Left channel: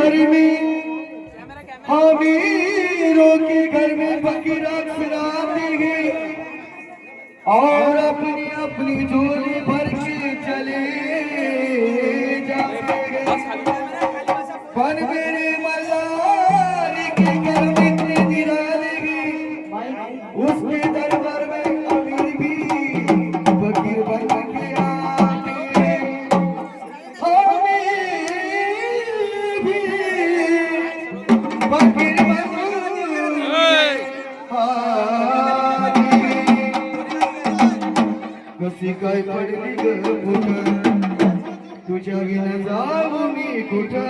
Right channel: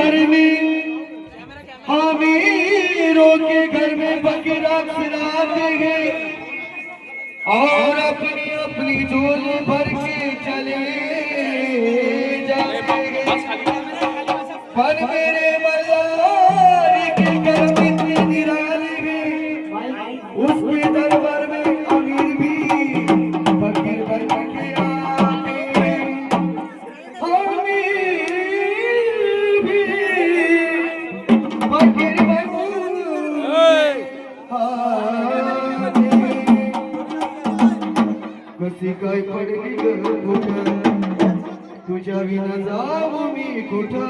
घर में वीरों के घर में बकरा खिलाते हैं और अपनी अपनी झोली भर के चले जाते हैं। पर मेरे मल्लारी के घर में इतने निराले हैं, उसके दरबार में अमीर भी फकीर बन के आते हैं। अमीर भी फकीर बन कशी काय पडली ग कुठं, तुझ्या विना जाऊ मी कुठं।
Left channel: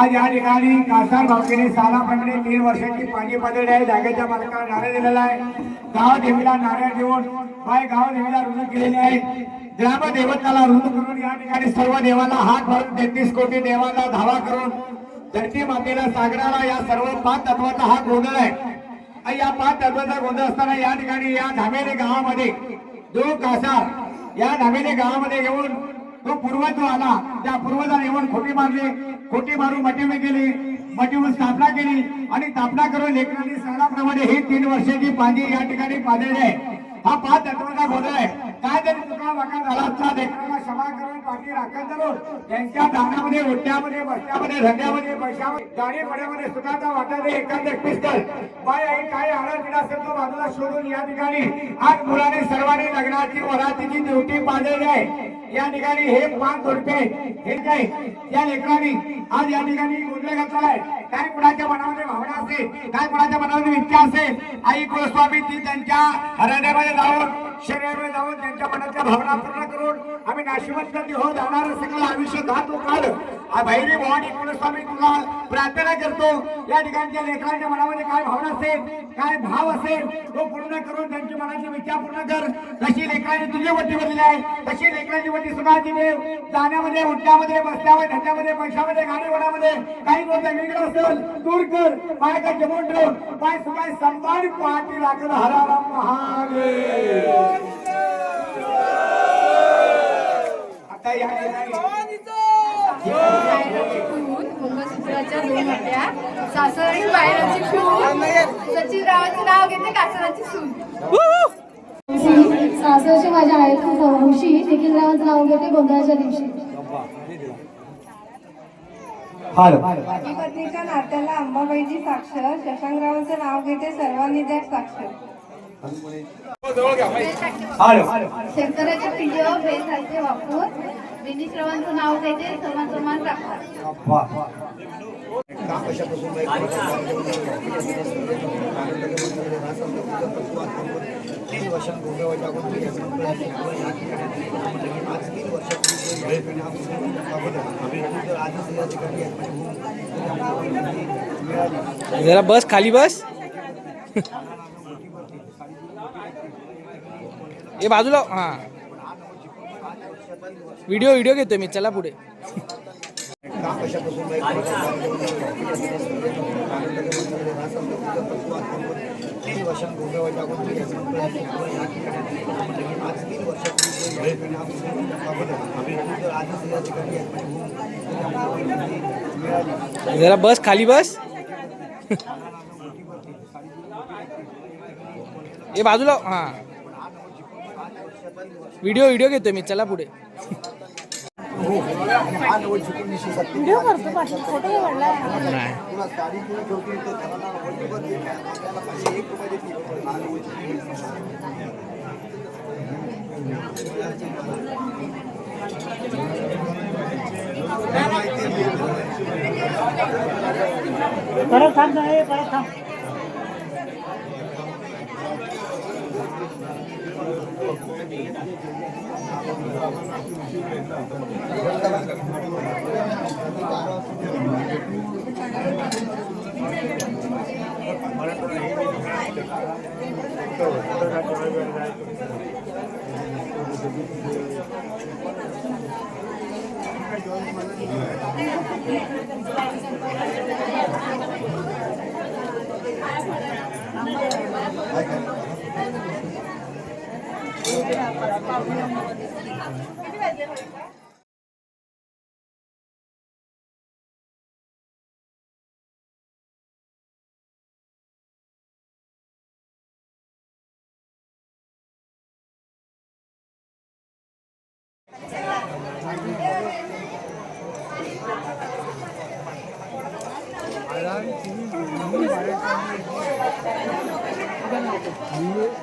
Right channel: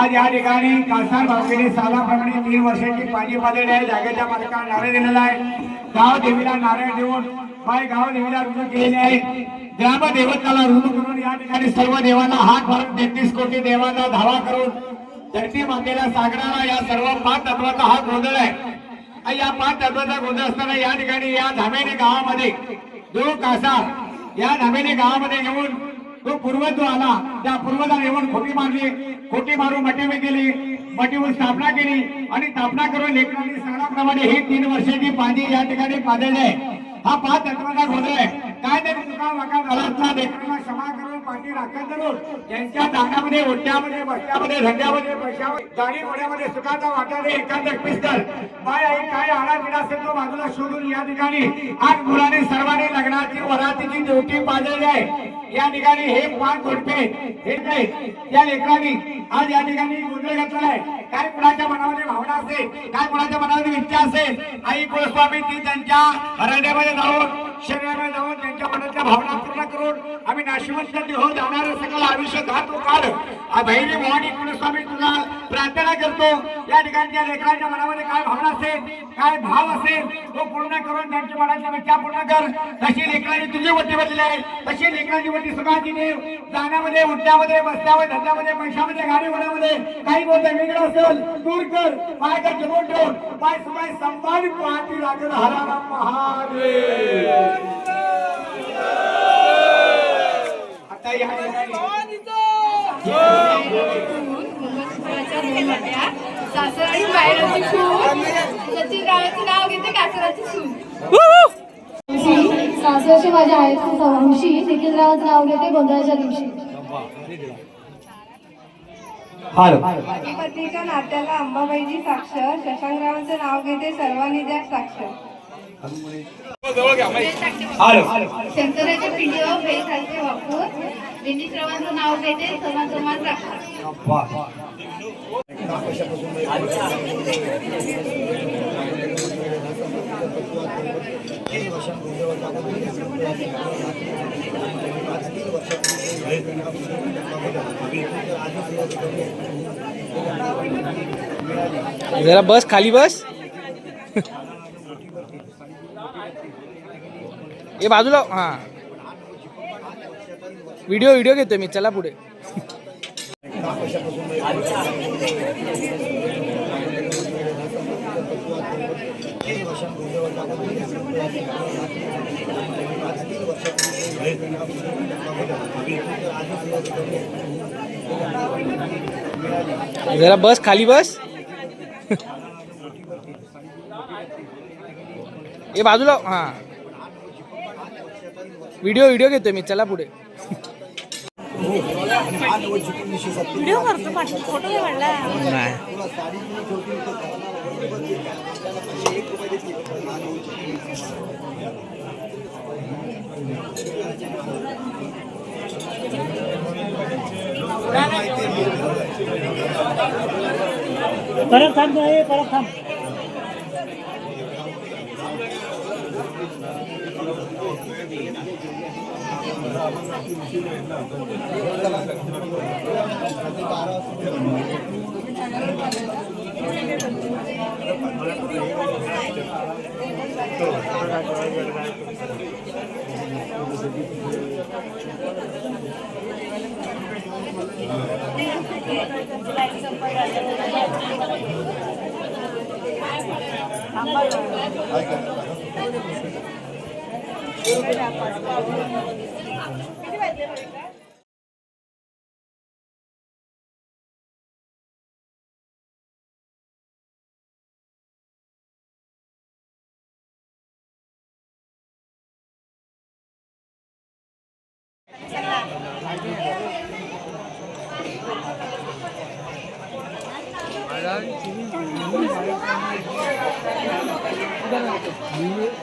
आज या ठिकाणी कासार भावकीने सालाप्रमाणे 3 वर्षांची पाणी पातळी आहे। जागेच्या मालकाला नारळ दिलेला आहे। गाव देवीला नारळ देऊन गाव देवीला ऋण केलेले आहे। ग्रामदेवताला ऋण करून या ठिकाणी सर्व देवाला हात भरून 33 कोटी देवाला धावा करून धरती मातेला सागणारा या सर्व 5 तत्वाचा हा गोंधळ आहे। या 5 तत्वाचा गोंधळ असताना या ठिकाणी या धामेली गावामध्ये जो कासार या धामेली गावामध्ये येऊन तो पूर्वज जो आला त्या पूर्वजाने येऊन खोटी मारून मटीमे केली, मटीवर स्थापना केली आणि स्थापना करून लेकरांनी सणाप्रमाणे ही 3 वर्षाची पाणी या ठिकाणी पाजळली आहे। हा 5 तत्वाचा गोंधळ आहे। काय तरी चुका वाका झाला असला लेकरांना क्षमा करून पाठी राखण करून त्यांच्या दानामध्ये ओट्यामध्ये बसल्यामध्ये धंद्यामध्ये पैशामध्ये गाडी पड्यामध्ये सुखाचा वाटा दे एखाद पिस्तल बाय आई काय आडापिडा असेल तो बाजूला शोधून या ठिकाणी आज मुलाने सर्वांनी लग्नाची वरातीची ड्युटी पाजळली आहे। या ठिकाणी हे 5 जोडपे हे काय या लेकरांनी आज या ठिकाणी गोंधळ घेतला आहे। काय कुणाच्या मनामध्ये भावना असेल, काय कुणाच्या मनामध्ये इच्छा असेल, आई गोस्वामी ती त्यांच्या हृदयामध्ये जाऊन शरीरामध्ये जाऊन त्यांच्या मनाच्या भावना पूर्ण करून आम्ही नाशिवंत हो जाणारं सगळं आयुष्य धातू काढ भैरी भवानी गोस्वामी तुला प्रार्थना करतो। या ठिकाणच्या लेकरांच्या मनामध्ये काय भावना असेल, काय भाव असेल तो पूर्ण करून त्यांच्या मनाच्या इच्छा पूर्ण कर। कशी लेकरांनी तुझी वटी बदलली आहे तशी लेकरांची वटी सुखाची देव जाण्यामध्ये उठण्यामध्ये बसण्यामध्ये धंद्यामध्ये पैशामध्ये गाडी वडामध्ये काही गोष्ट वेगळं असेल दूर कर। पायाच्या जमून ठेव पाय सुमाय संभाळ पाठी लागलं हराराम महादेव। आता या मंगळसूत्राच्या 2 वाट्या सासर आणि पायराची सून सचिनरावांचं नाव घेते कासराची सून सासरची माझ्या आईची हौशी निखिलरावांचं नाव घेते गोंधळाच्या दिवशी। हाल पती पत्नीच्या नात्याला अंबाबाईची साक्ष, शशांकरावांचं नाव घेते सर्वांनी द्या साक्ष. हाल शंकराच्या पिंडीवर बेल सारखे वापरून विनिश्रवांचं नाव घेते समान साक्ष. जरा बस खाली बस. ये बाजूला. हा व्हिडिओ घेतोय मी. चला पुढे. जरा बस खाली बस. ये बाजूला. हा व्हिडिओ घेतोय मी. चला पुढे. व्हिडिओ करतो फोटो काढला. नाही परत थांब परत थांब.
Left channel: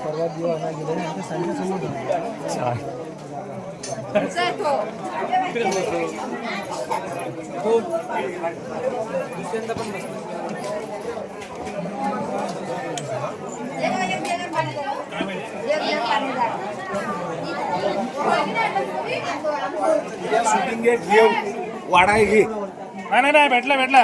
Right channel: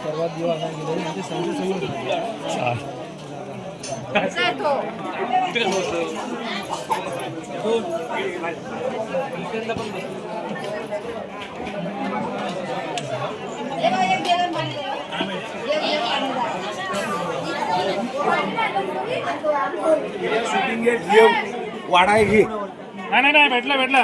सर्वात दिवस गेले आमचे संजय शूटिंग वाढायची. नाही भेटला.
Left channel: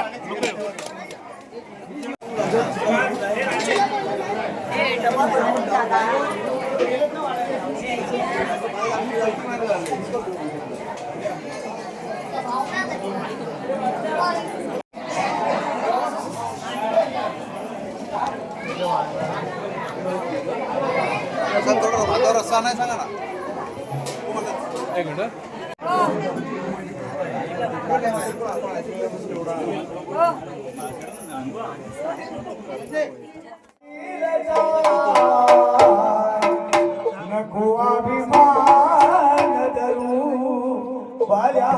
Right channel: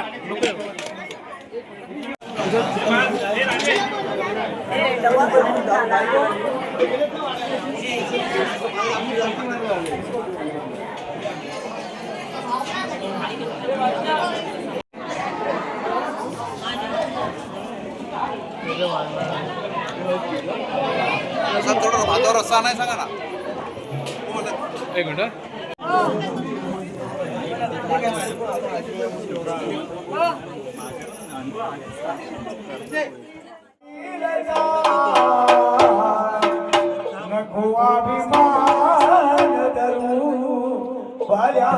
रस्ता नाही सांगा ना. एक मिनिट. नको अभिमान धरू बऱ्या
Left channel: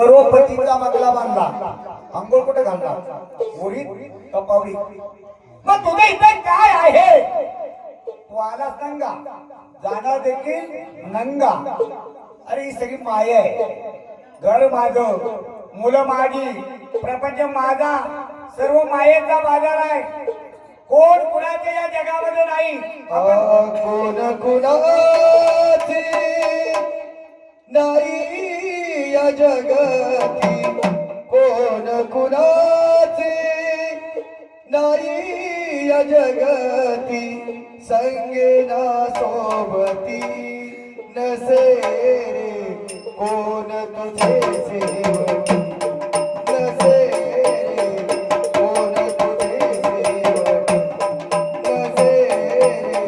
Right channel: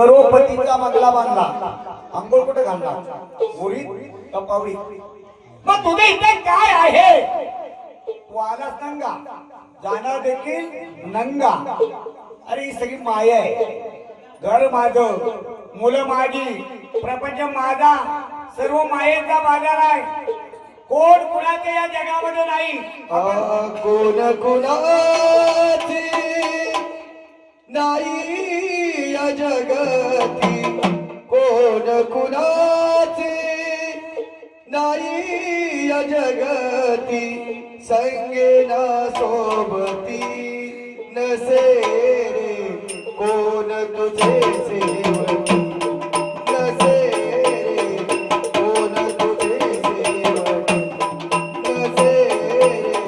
करोडपतीचा बंगला बांधला, अंघोळ कुठे घालला? मुरीत का पावडीत? मग तुझे इथे काय आहे? तू आलास नंगा, जाणार देखील नंगा. अरे ही सगळी माया आहे. घर माझं, मुलं माझी, प्रपंच माझा, सर्व मायेचा बाजार आहे. कोण कुणाचे या जगामध्ये नाही. कोण कुणाचे नाही या जगती, कोण कुणाचे नाही या जगती, संगेना सोबती नसे रे कोण तुझे सेवकी, नसे रे कोण तुझे सेवकी, नसे रे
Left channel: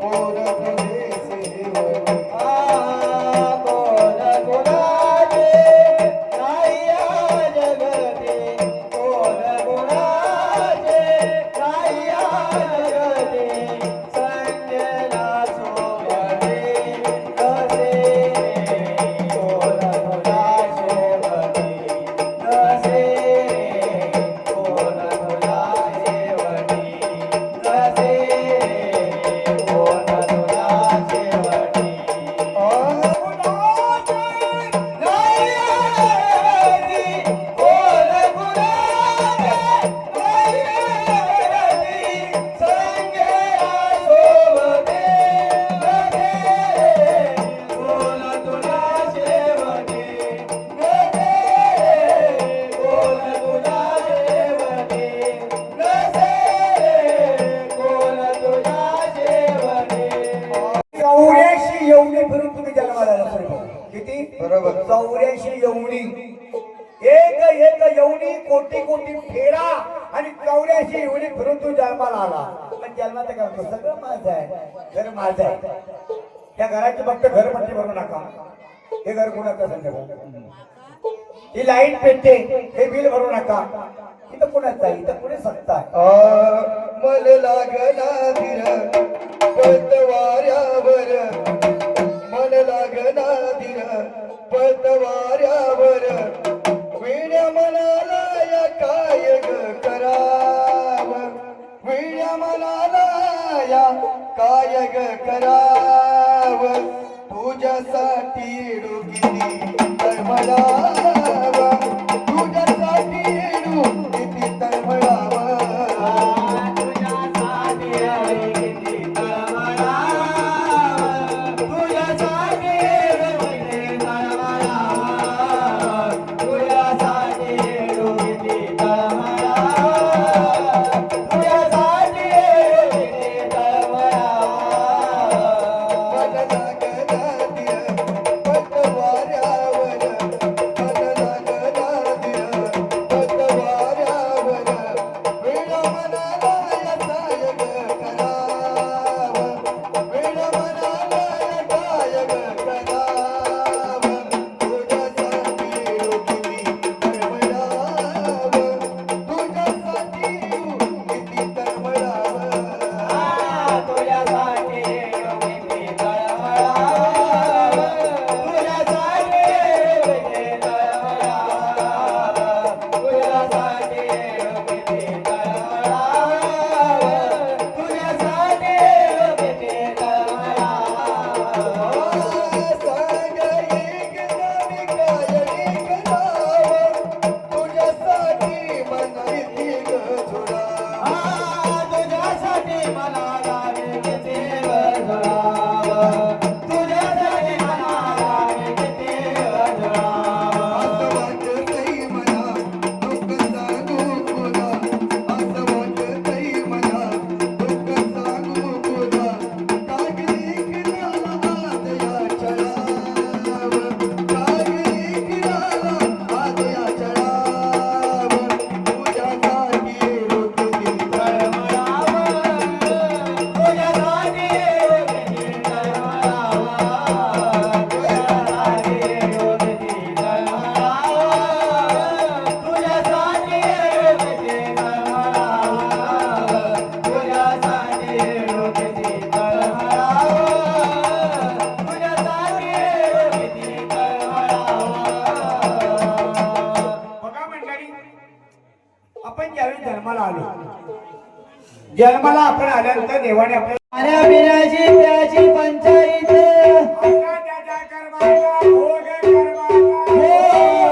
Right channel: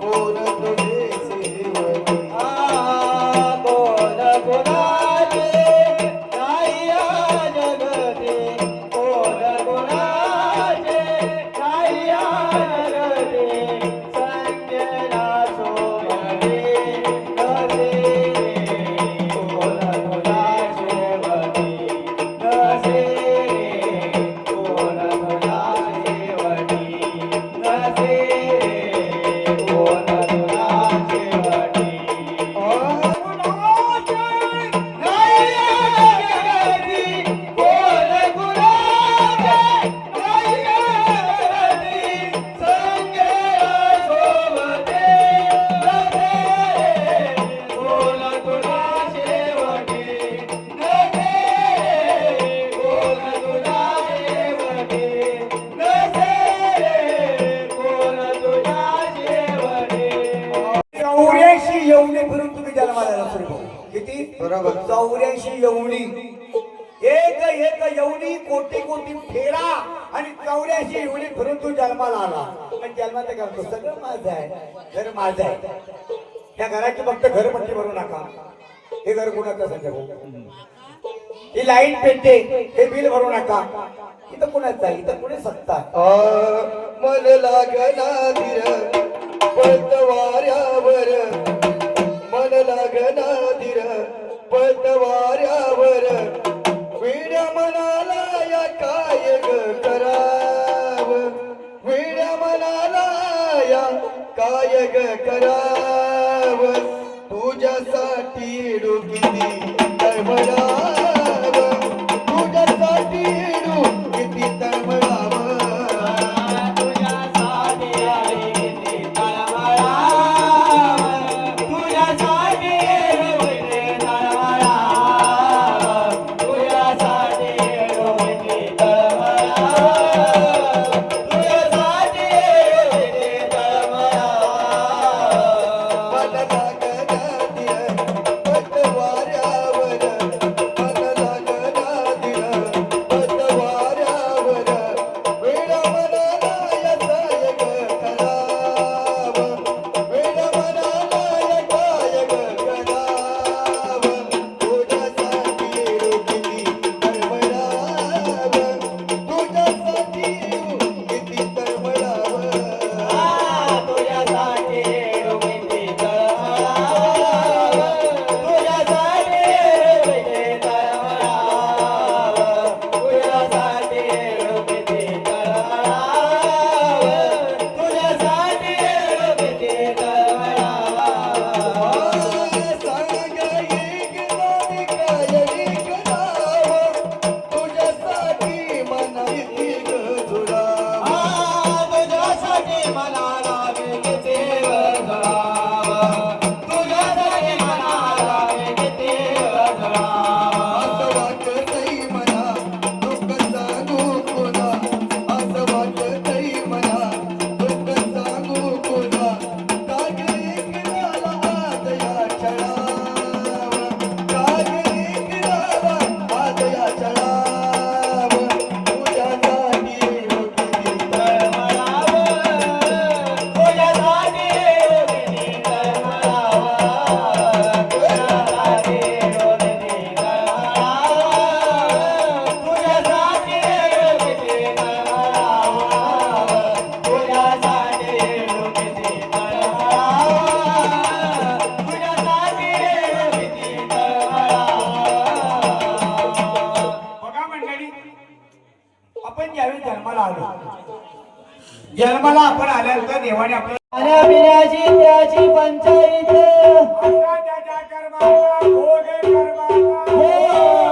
कोण तुझे सेवकी. कोण कोणाचे नाही या जगती, कोण कोणाचे नाही या जगती, संगेना सोबती नसे रे कोण कोणाचे वती, नसे रे कोण कोणाचे वती, नसे रे कोण कोणाचे वती. चौऱ्याऐंशी यवनी फिरून तुम्ही जन्माला आला सर भाऊ. किती? बरोबर. 84 यवनी. एक एक यवनी कोटी कोटी फेरा आणि 84 यवनी फिरून तू जन्माला आला. पण जन्मात काय करतो? सगळं माझं आहे, घर माझं आहे. त्या घराची फक्त घरपट्टी भरू नका. हे घर कुणाचं संजय भाऊ? ही लाईट पेटते, हे बिल भरू नका. इथं कुणाचं आहे? इथं कुणी सत्ता आहे? मन लागना धीर पतवाऱ्यावर, मन लागना धीर पतवाऱ्यावर, वीण म्हणाला या काय ग कराव, वीण म्हणाला या काय ग कराव, तुझ्यासाठी डुकिती तळमळाव, तुझ्यासाठी डुकिती तळमळाव. मन लागना धीर पतवाऱ्यावर, मन जन्माला आपण आल्यानंतर देवाने आपल्या खाण्यापिण्याची त्याची पंचायत आता त्याच्या कर्माचा भोग कर्माचा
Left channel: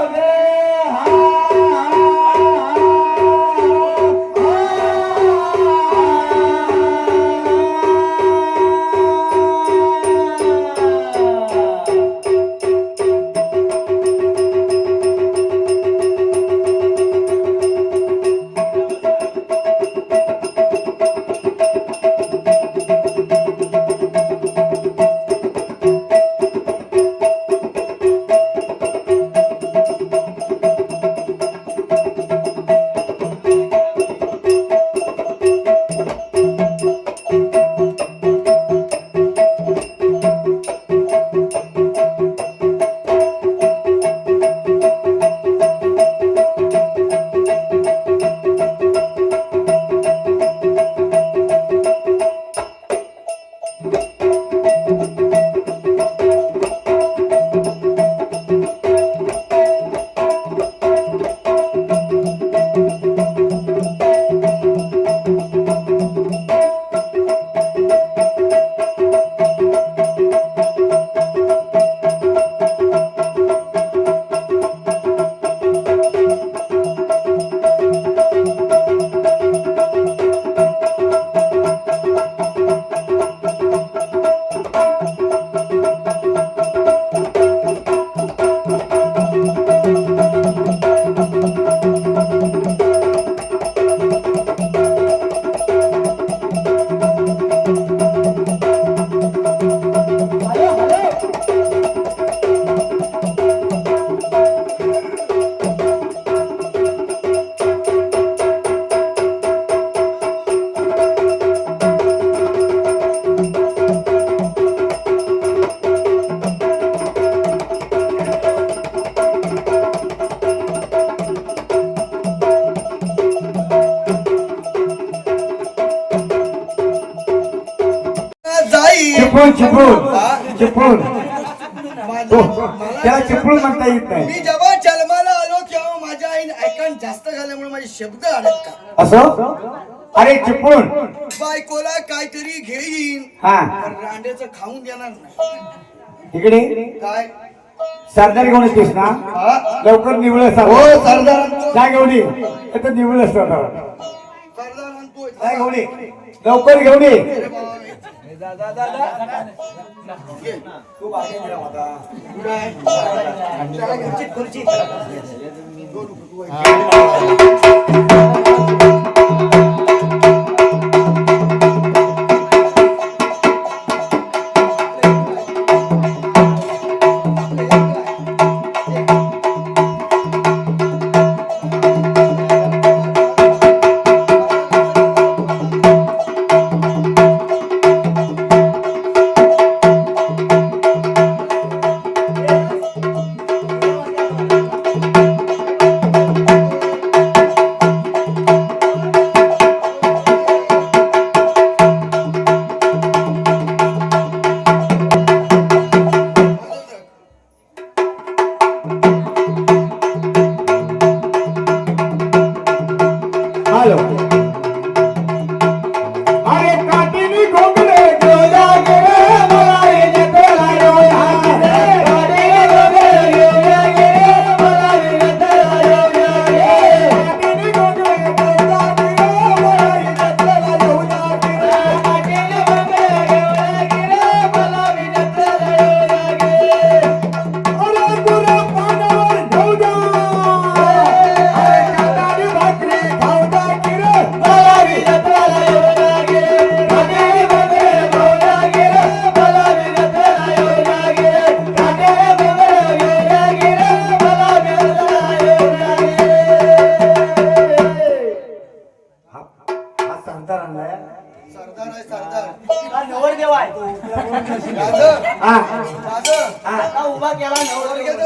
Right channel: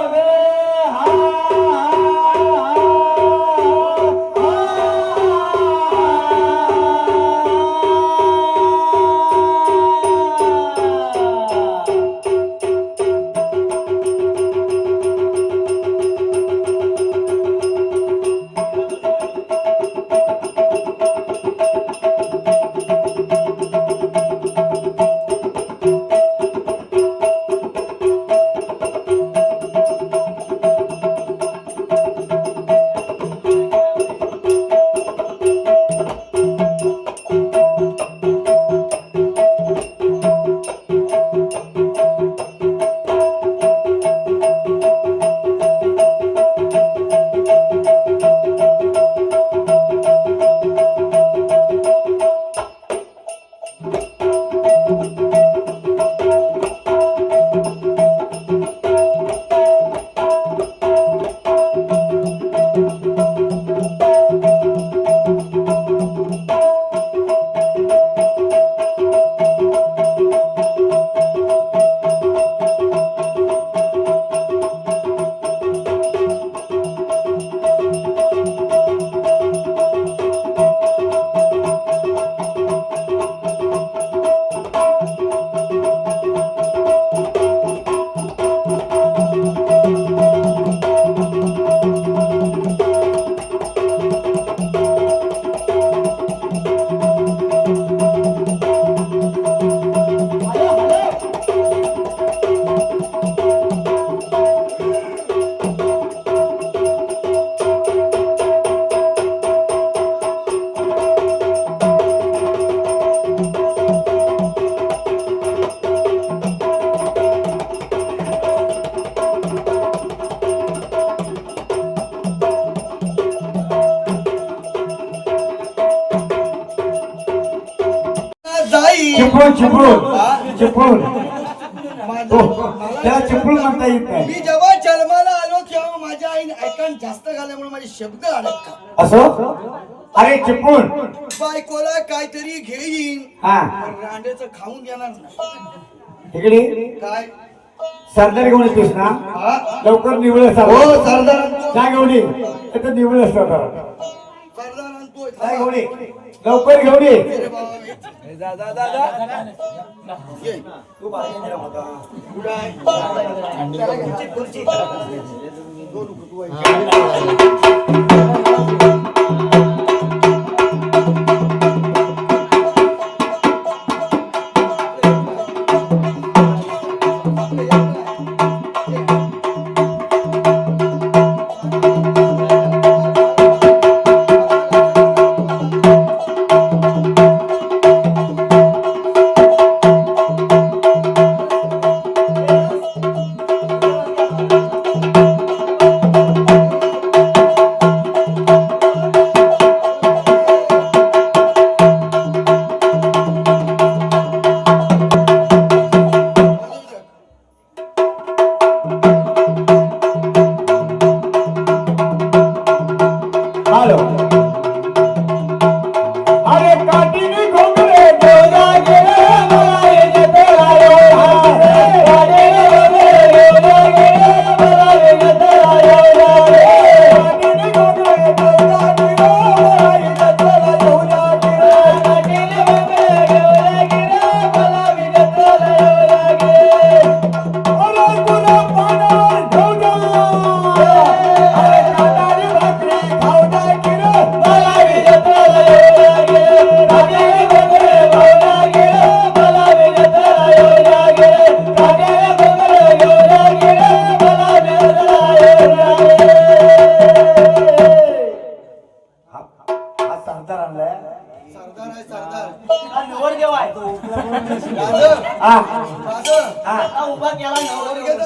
चिपळूण चिपळूण चिपळूण त्याला चिपळूण म्हणता येत नाही. मी जेव्हा जन्माला आलो तेव्हा माझ्या आईने ऐकण जास्त झाल्यामुळे माझे शब्द अडकतात. असं अरे चिपळूण बायकोला काहीतरी घेईन हा पण रांडेचं खाऊन देणार नाही. इकडे काय सरदार घेऊन येतेस ना हा? लवकर निवळ हो सरदार जा घेऊन ये आता निवळ सरदार सरदार आणतोय. जा घेऊन ये लवकर घेऊन ये अरे बाबा, ये. कुठं आहे? चला, खुर्ची.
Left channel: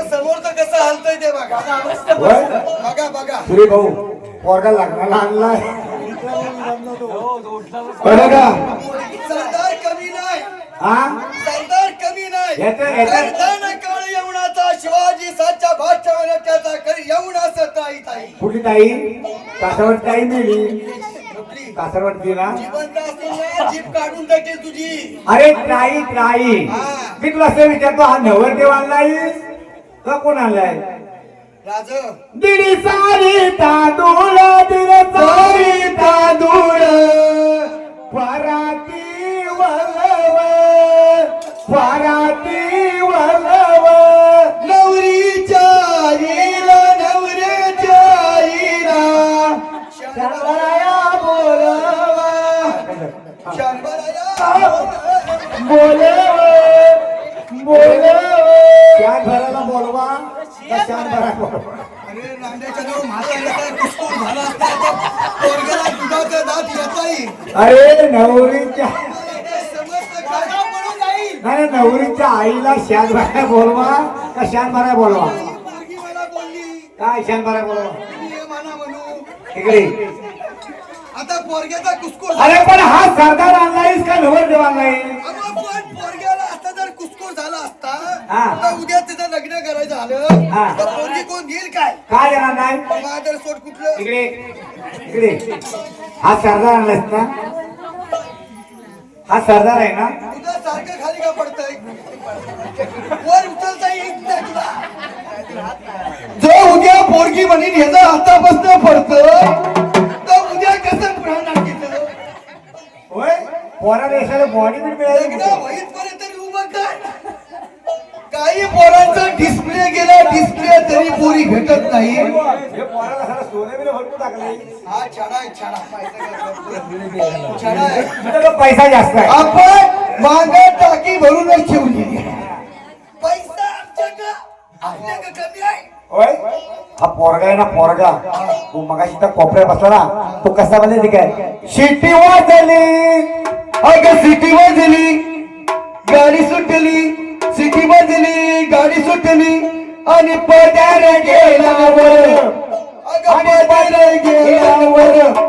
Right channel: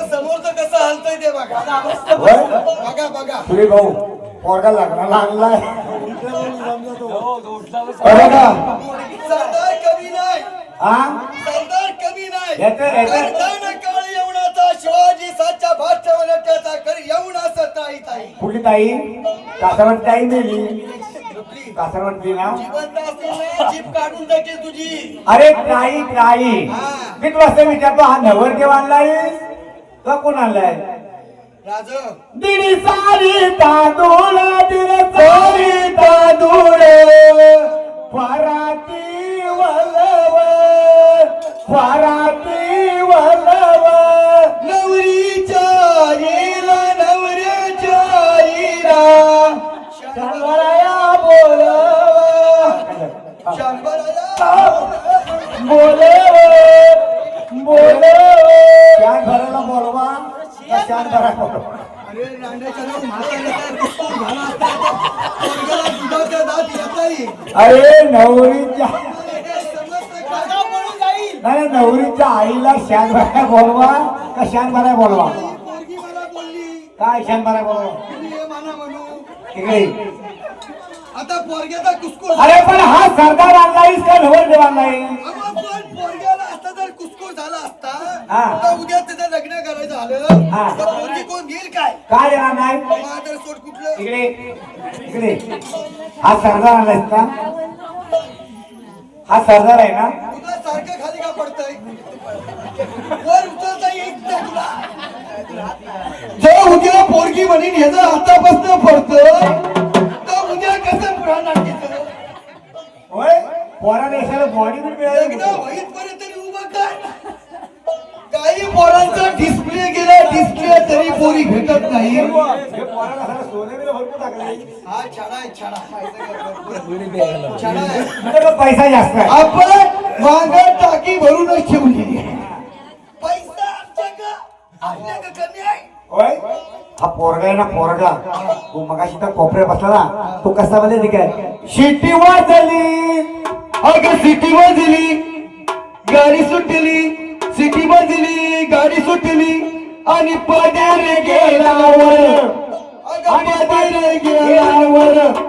समोरचं कसं हलतंय ते बघा. बघा बघा पुढे भाऊ पोरगा लागला आणलाय सरदार कमी नाही. हा सरदार कमी नाही. येतं. कर्तन काळ येवणाचा शिवाजी साच्या भाष्य त्याचा कर येऊन असं ताई ताई कुठली ताई कासावर ताई नेली कुठली? कासारवरती ना जिवंत असताना जीप काढून टाकेल तुझी. अरे ट्राई मी तुला असं विचारतो हा नवरदेव आणलाय तो कोण आणलाय राज दिडी सारी तांदूळ दिल सारी तांदूळ पराती वळव पराती वळव नवरीच्या आईला नवऱ्याच्या आईला शंभराया बोलावा शंभराया शान भरायला बोलवा का शान भरा बोलवा अरे रांड्याच्या नाव म्हाताऱ्याला काय कुस्कूर झाला असता आता पोरग्याला दुधाचा दात येता येईल. अरे नवरीच्या समजतं काय? पळून जाईल. नाही नवरीच्या आईला शान भरा बोलवा का शान भरा बोलवा ही पोरगी मला बोलली काय शान भरा बोलवा तुम्ही हे म्हणा म्हणू. इकडे आता पोरग्याचा कुस्कूर अरे पण हा सरदार आणलायस का नवरदेव आणलाय अगं पण पोरग्याला आता जर कुस्कूर झाला असता हा. तर उद्या तिथं लग्न करायचं झालं हा. तर पोरगी कोण घेईल काय काय देणार नाही माझं सोड कुठलं इकडे इकडे हा सरदार आणलायस ना हा सरदार आहे ना तुझं सारखं खाली का पडतंय वर उचलता येईल का तुला जर उद्या पोरगी म्हणीन ह्याचा हातापासून पडतं तर उद्या कसं पुराणार तिथं होय पोरा देशाला बॉडी बिल लग्न मिळालं होईत पर्यंत तरी उभं काय काही पोरांचा डिस्प्ले गेला डिस्प्ले तरी पोरी भेटत नाही हे पोराला सारा सोने बिल भरपूर टाकलंय हा छाडा आहे छाडा छाडा आहे तुझ्याकडे पैसा जास्त आहे आपण मागं टाकी भरूनच ठेवली पैसा आमच्या कमी आहे होय हा पोरगा आहे ना पोरगा तू मगाशी तर कोपऱ्यात बसला ना तो कसा मध्ये काय शिट्टीवर झाली अगं सिटीवर दिली गाडी सुटली सिटीवर दिली गाडी सुटली आणि पदार गेल्यावर आणि पदार गेल्यावर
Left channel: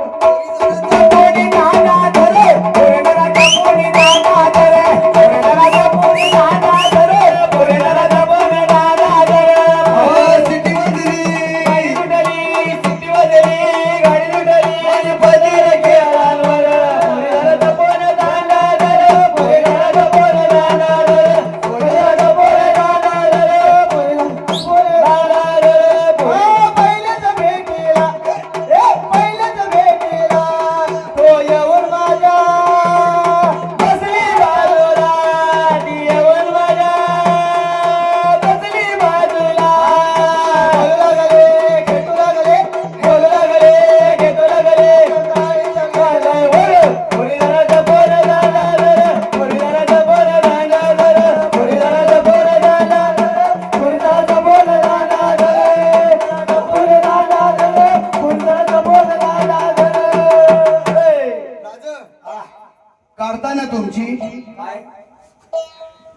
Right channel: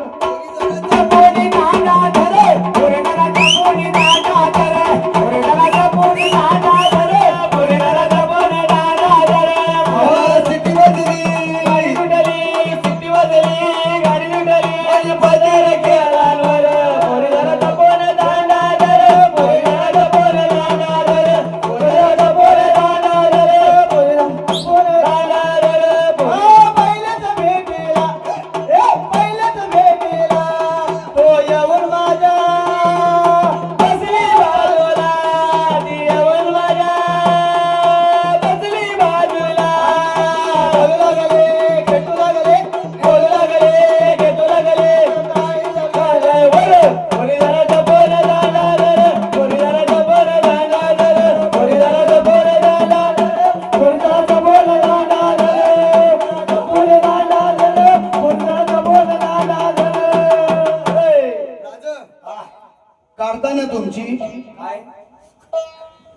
काढताना तुमची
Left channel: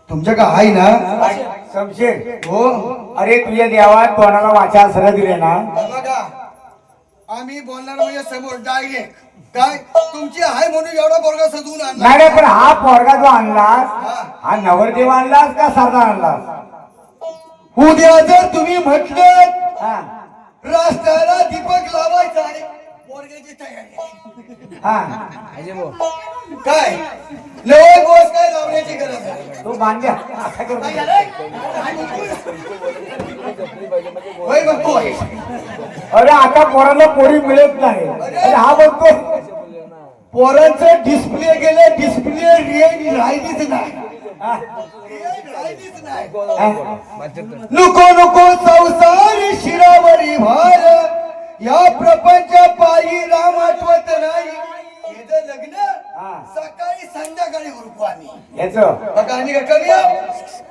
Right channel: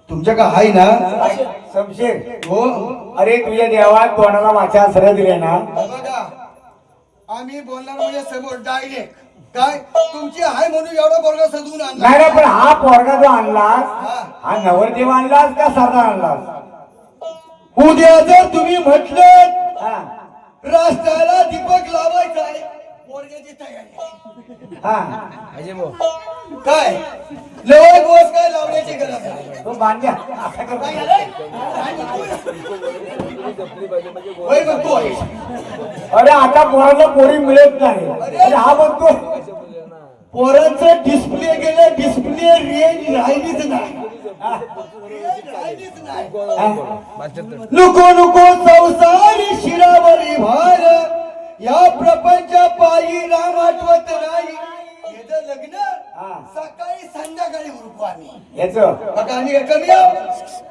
तुमच्या का आहे ना समशेर हो अरे तुझ्या देवात कोणाला वाचायला सगळं दिले ना बघा आम्ही बोलणार म्हणजे समोर डायरेक्ट काय तुमची आहे म्हणून एवढा पोरगा सजवून आणला नाही पण हा पोरगा जो आणलास हा नवरदेव आणलास का सरदार आणलास उद्या जर तुम्ही म्हटलं हा रस्त्याला दीपक लावायचा आहे पोरग्याची तयारी हा अजय भाऊ काय लोक बस काय लावण्याची गरज आहे तो बांध्या असं कर. काय झालंय? काय म्हणतोय? होय म्हणतोय. अरे आता पोराला पोरी मिळत नाही अरे हा बघतो पोरांचं डिस्प्ले गेलं डिस्प्ले रेंज राहिलीच नाही रेंज राहिलीच नाही नको नको संसारी शिरावरी भार या प्रपंच पायी राम आठवत नाही हे जर लग्न सकाळी संध्याकाळी उरकू आम्ही याच बघा आणि काय करूया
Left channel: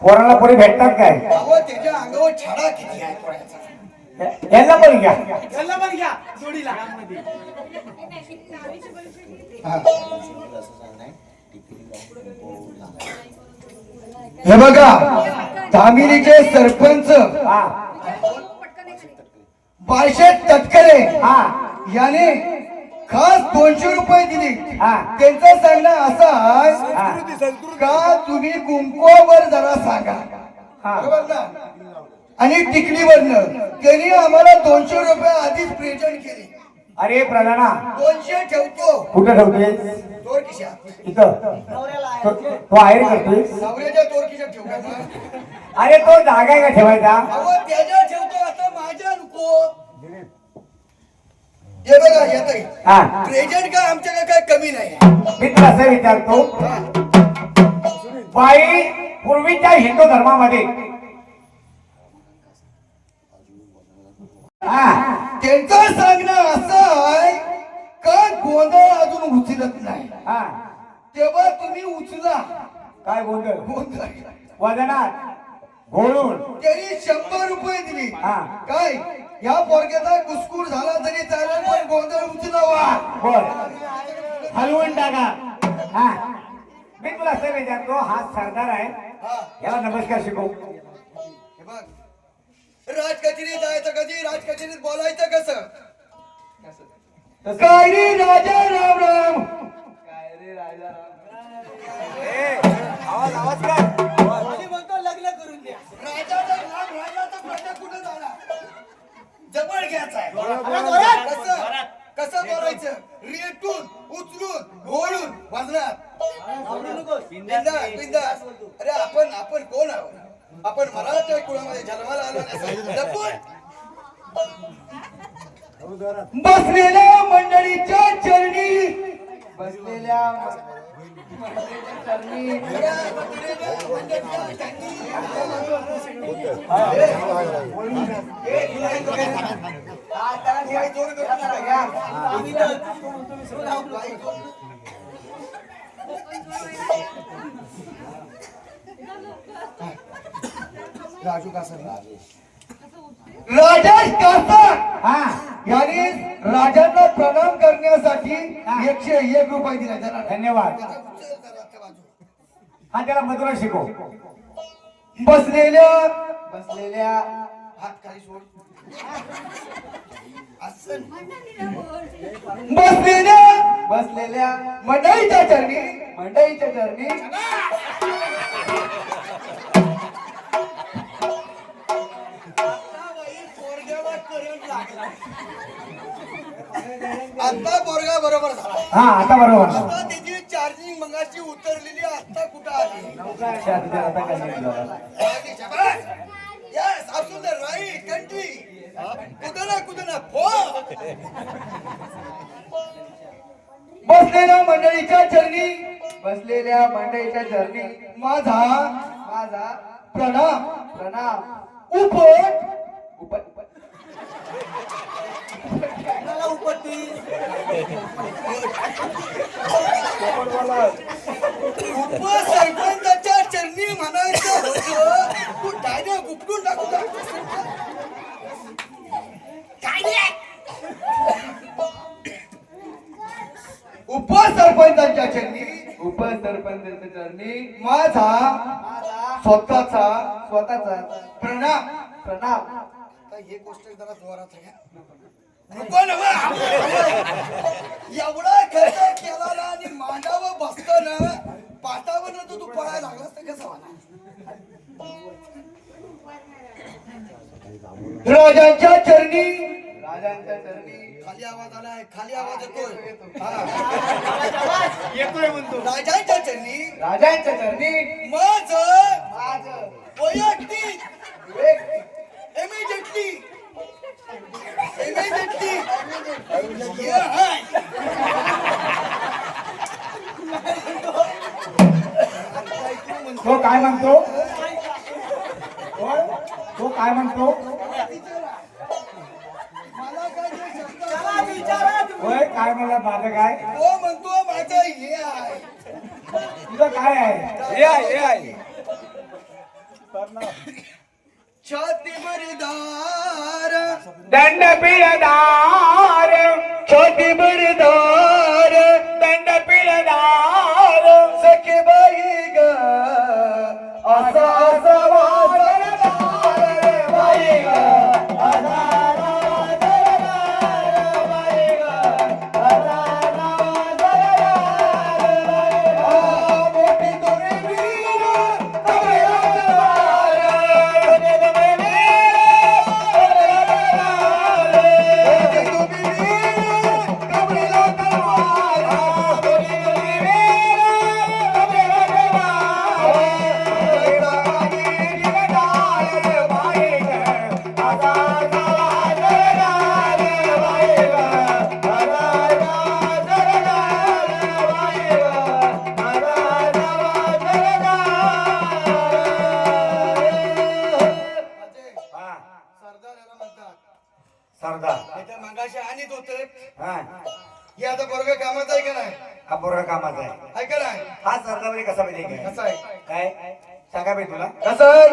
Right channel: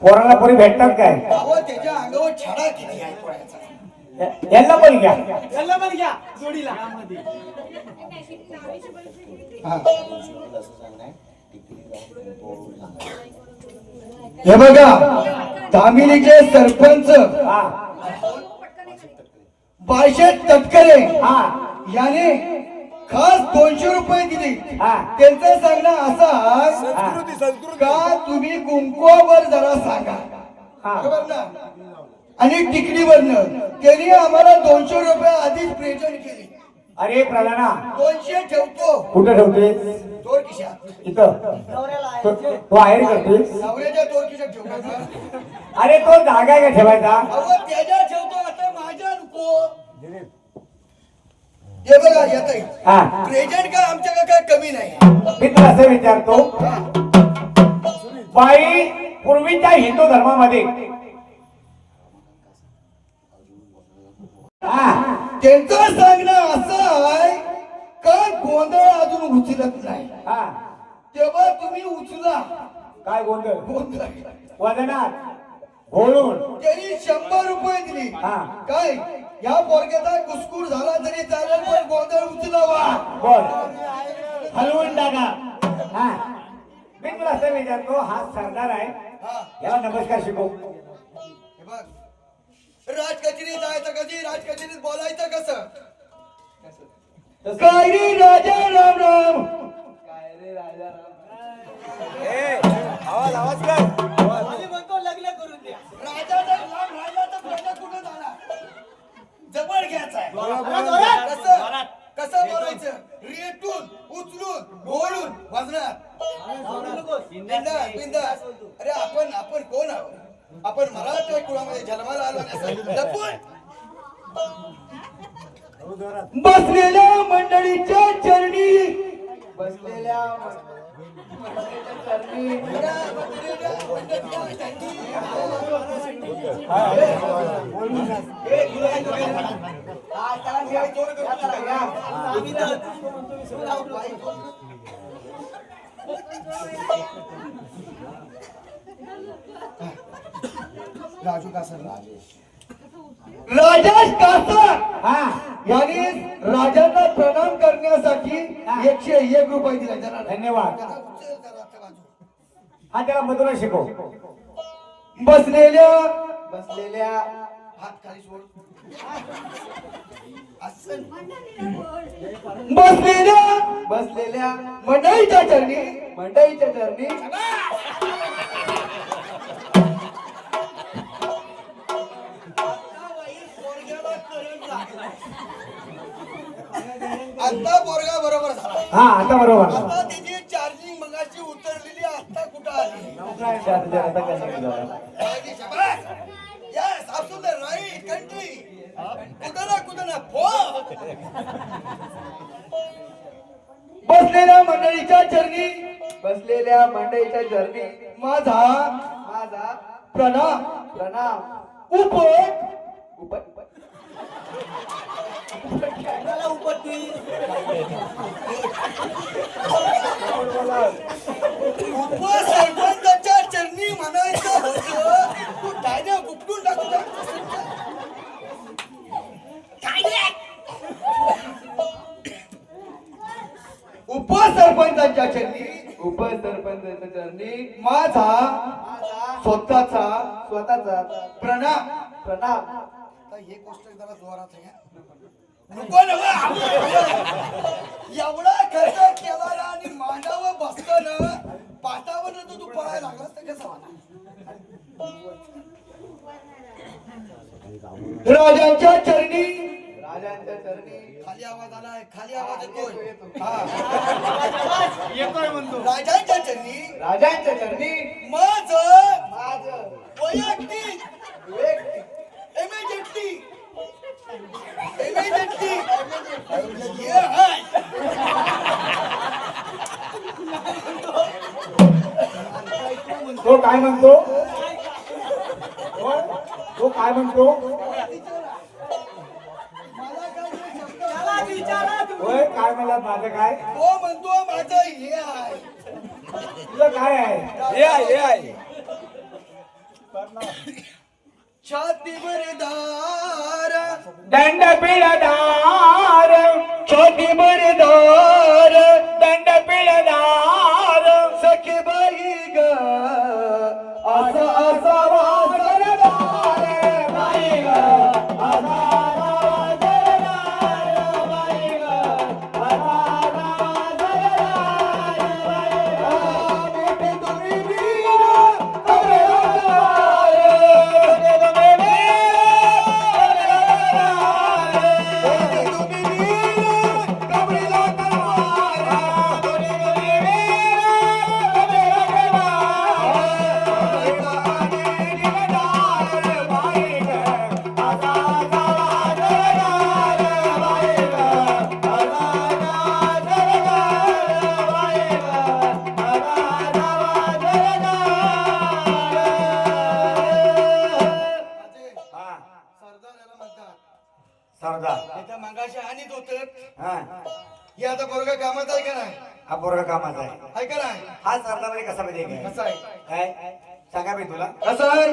पोराला पोरी भेटतात काय अहो त्याच्या अंगावर छडा किती आहे पोराचा यांना पण घ्या त्याला पण घ्या जोडीला हा. हे बघा तामिलीचे सरपंच हा बाळशेठ तटकरे हा याने खास 200 रुपये दिले हा. त्यांचं सांगणं असं आहे का तुम्ही कुंकवावर जरा सांगा हा. बरोबर ना आणि टिकलीवरनं त्यांनी आम्हाला 200 रुपये आधीच प्रेझेंट केले अरे प्रधाना 200 ठेवतो कुठे ठेवतोय चोर खिशात इथं तो आहेर करतोय नवऱ्याच्या चोर खिशात ठेवू का मग? अरे तो जागा आहे का ठेवायचा अहो त्याच्या ठेवतो आता माझ्या नको हे बघा येतय हा प्रेझेंट का आमच्या काय कमी नाही मी तुला असं विचारतो बाई पूर्वीच्या हिंदू धर्मामध्ये हा त्यांचं सांगणं असं आहे का गोंधळ अजून उचलत नाही हा तेव्हा तुम्ही उचला काय गोंधळ गोंधळ वदनात घोळून त्यांनी 100 रुपये दिली हा. काय या पोरग्याचा कुसकुर झाला तरी चालेल पण गोंधळ उचलावा बोल हलवून टाका हा मी तुला असं विचारतो हा सरदार आहे हा याला नमस्कार शिकव हे बघ राजकचेरीत जायचं कधी राजकचेरीत बोलायचं कसं काय रे राजा राम राम काय रे राजा आवाज आवाज कर लग्न करून द्या राजाचा राम राजाचा प्रजा कुठं जाणार जवळ घ्यायचा आहे कसं कसं बोलायचं रेटून उचलून घोळून वाजणार बिंदास बिंदास अरे आपण कोण आहोत आपण मराठा कुळामध्ये जन्माला आलो नसेल लपून बसलेल्या मंडळीच्या चरणी बसलेल्या चरणी राजू कासर राजेश कासर हा याने राजांना प्रणाम करण्यासाठी 101 रुपये दिले धन्यवाद हा त्याला मधुरा शिकव बसलेल्या हात खाली सोड आसन बसलेल्या मंडळीच्या चरणी आता पोरगा बरोबर झाला हा आता बरोबर आता त्याची चार्जिंग मंगाची उतरलेली आता कुठं आली यस absolutely right country कुदना बसलेल्या मंडळीच्या चरणी माझा प्रणाम उपसरपंचाच्या चरणी म्हणायचं होतं तू डायरेक्ट उपटून टाकू उपसरपंचाच्या चरणी माझा स्वतःचा प्रणाम आता हे गोष्ट जरा जोरात आहे एवढा खर्च केला ना आणि मांडावर बसताना पाटावर तू पळायला लागला तर कसं होणार राजांच्या चरणी खाली आवाज आलाय खाली आवाज येतोय म्हणतो राजांच्या चरणी माझ वैयक्तिक इमिजिएटली तो काय म्हणतो मला काय होय काय म्हणला माझं काय तो म्हणतो माझं हे आहे तुझं काय आहे छातीवर दार दंड पिळदार छातीवर दार दंड पिळदार सखे बाई ग असा वाजरदार बाई ग मोठी दोरी वीर मागाशी आणीत होत हा हे आता बरोबर कामात आहे का नाही हा पोरगा कामाचा आहे आहे का नाही हा सरकारमध्ये कसा पाहिजे काय कसं आहे काय सांगा बे तुला कसं आहे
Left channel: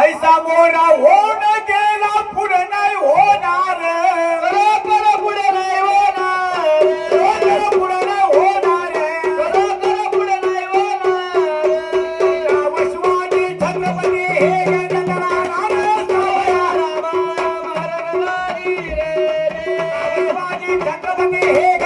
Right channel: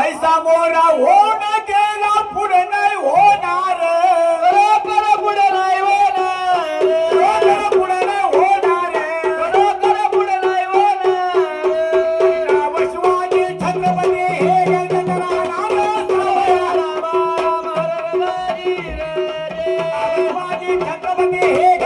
ऐसा मोरा होऊन गेला पुढे नाही होणार बरोबर पुढे नाही होणार पुढे नाही होणार बरोबर पुढे नाही होणार राम शिवाजी छत्रपती हे शिवाजी छत्रपती हे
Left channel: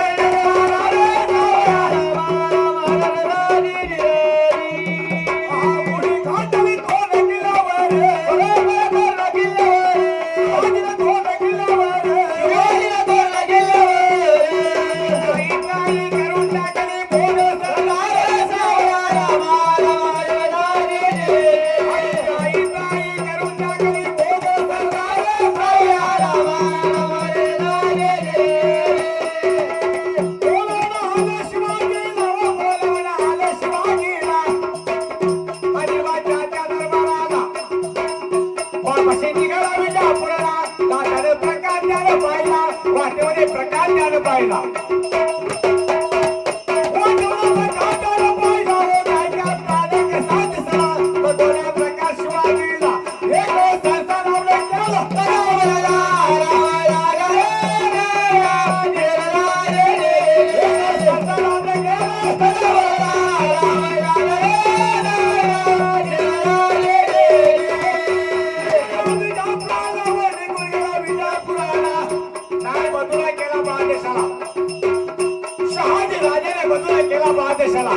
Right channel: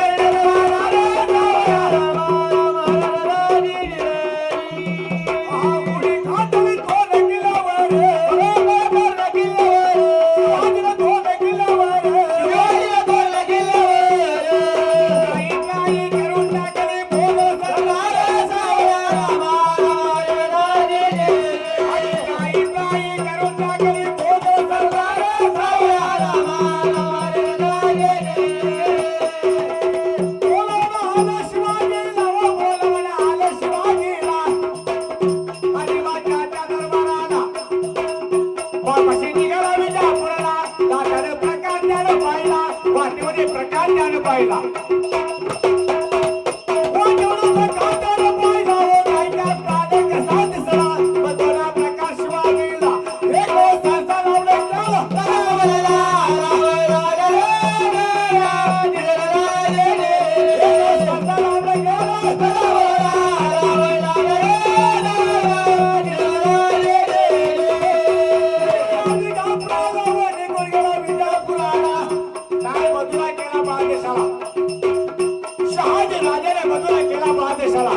पुढे घातली कोण किल्ल्यावर कोण किल्ल्यावर करून टाकले बोल करून टाकले प्रकार पाहिला शहाजी राजाने मथुरा केला बादशाला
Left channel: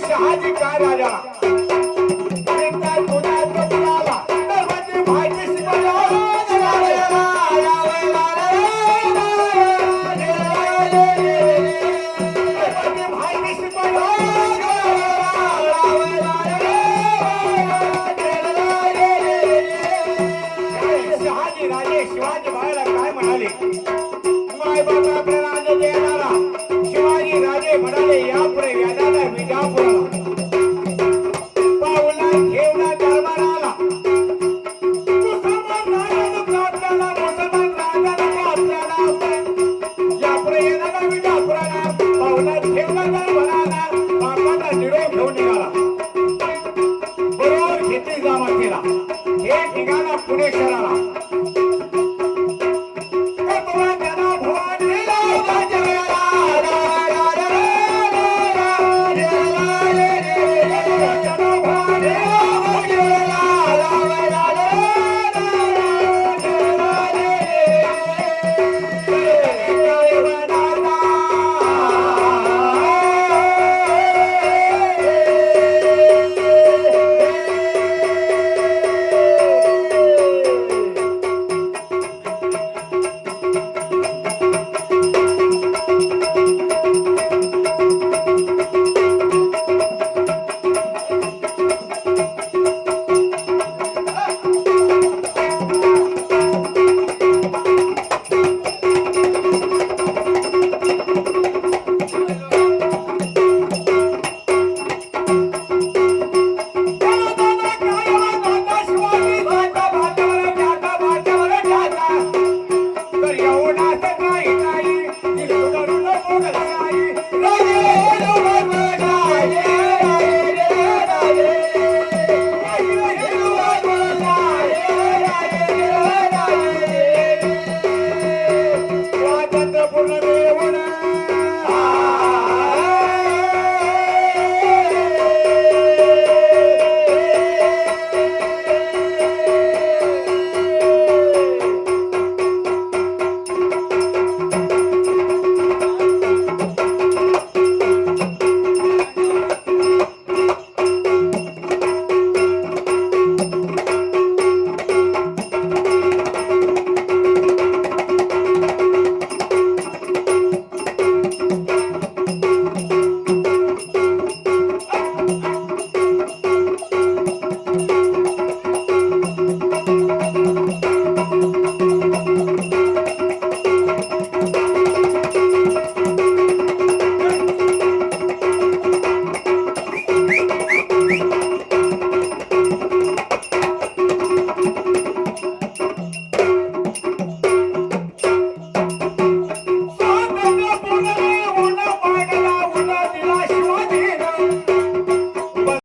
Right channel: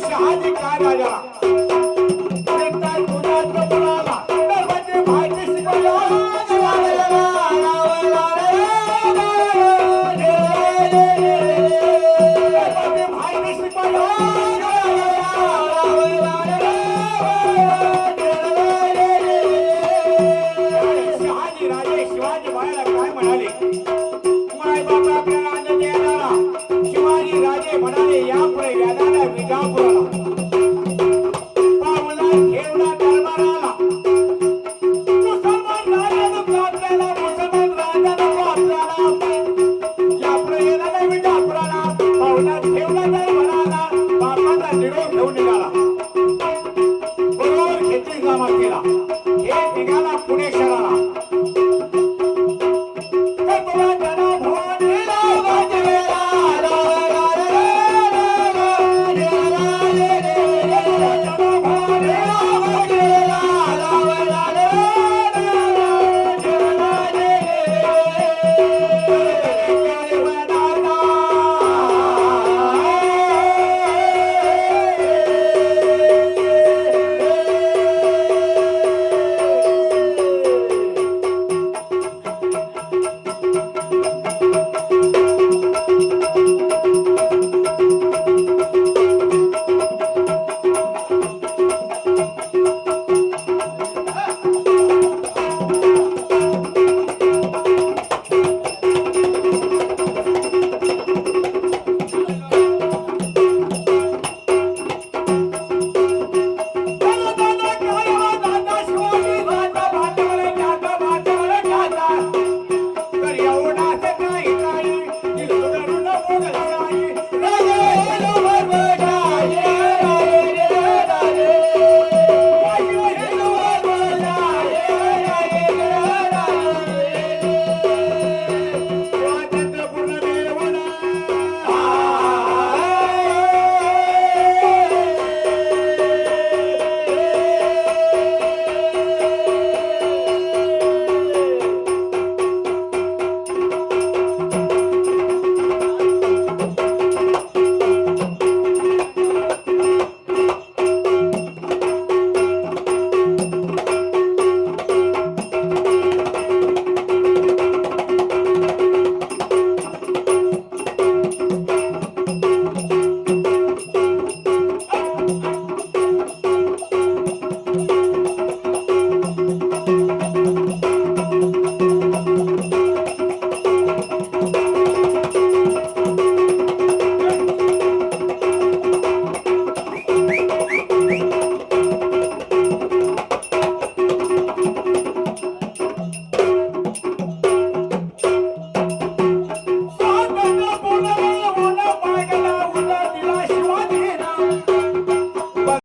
शहाजी काय राजा शहाजी राजे शिवाजी महाराज काय म्हणाले माय बाबा आपल्याला अन्न देणारा शिवाजी राजे म्हणाले यापुढे व्याजाला विजापुराला पावला घेवला दरबाराला मुसलमान राजानं आपल्याला मुसलमान राजानं आपल्याला यापुढे येणारा विजापुराला पावला घेवला